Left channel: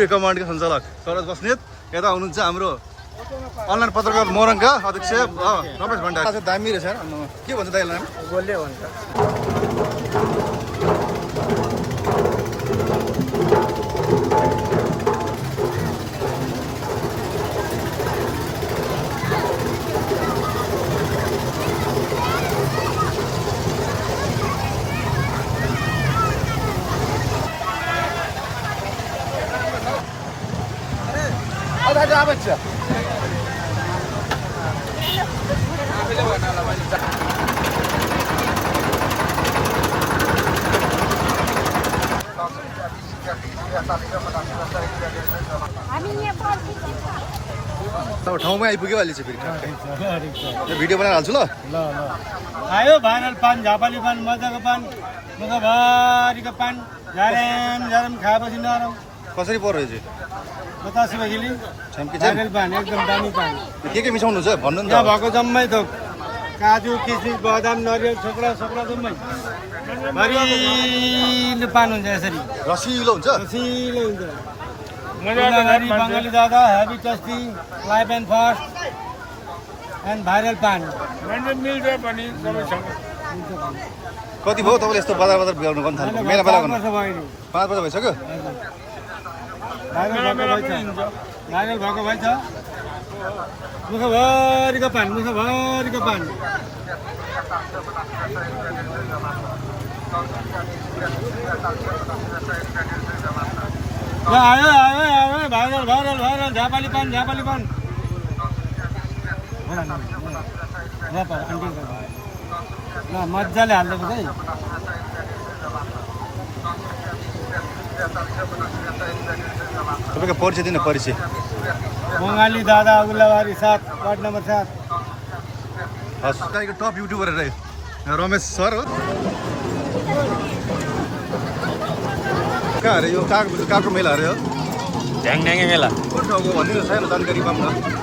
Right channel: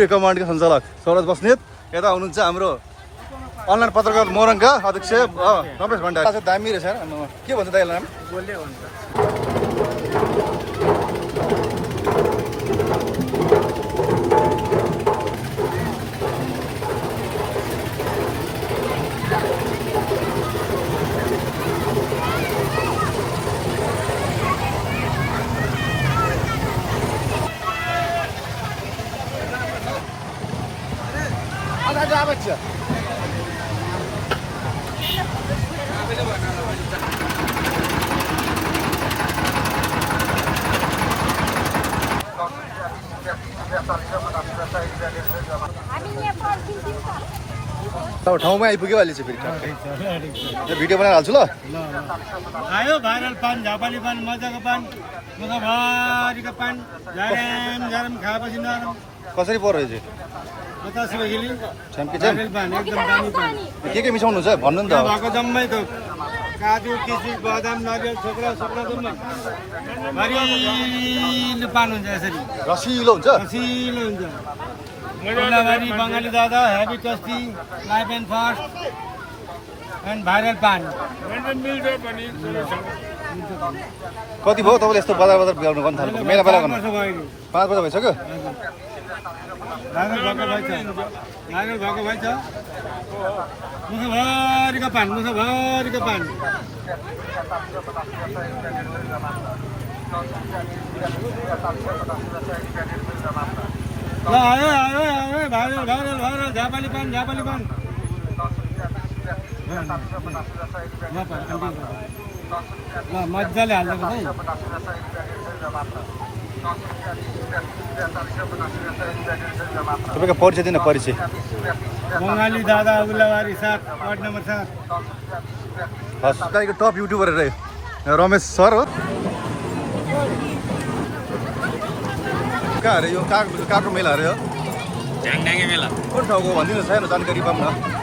खौरे कमान्डका सञ्चालक सरोज बस्नेत। यता हुनुहुन्छ हाम्रो अनलाइन पत्रकार मोरङका अध्यक्ष रमेश भण्डारी। दामी रहेछ के भन्छ दाइलाई नाम? गोले भन्छ। अब ठाउँमै आइपुग्यो अहिले चाहिँ फेरि भिडियो बनाएर हाल्छु ल। आयो भाइरल पान, झापाली पान, मजाको पान, मुखभरिको पान, झ्याराम झ्याराम खाएपछि नरम। कसरी पर्यो चाहिँ 50 रुपियाँ किलो भाइरल पान, एकदम दामी पान। के मिसाउनुहुन्छ भन्नु नि त। भएको जम्मै थोक काजु, किसमिस, बदाम, नरिवल, छोक्रा जम्मै भरिलो पान हुन्छ। यसरी रसिलो हुन्छ। रसिलो हुन्छ। मुलाबारी बङ्गाली दादा, heavy tasty, life and fast and viral पान। कति भयो तपाईँले यस्तो बजार बिहाउनु गर्नु थाल्नु? मेला बेला गर्नु 5 वर्ष भइसक्यो। भाइरल भएको भएछ, भाइरल भएको भएछ। मुखभरिको पान, मुखभरिको पान। ल आयो आयो आयो भाइरल भाइरल भाइरल झापाली पान, झापाली पान। ल मजाले हालिदिएको है। तपाईँको परिचय दिन परिचय। बङ्गाली दादा, उल्लाबारी 7, वार्ड नम्बर 7। हस्, तपाईँको टप युट्युबर रह्यो रमेश सर हो। कहाँ अरे यो काको मेला अरे हो? ढ्याङढ्याङे मेला कुन ठाउँको भनिदिनु छैन जानकारी पाऊँ न।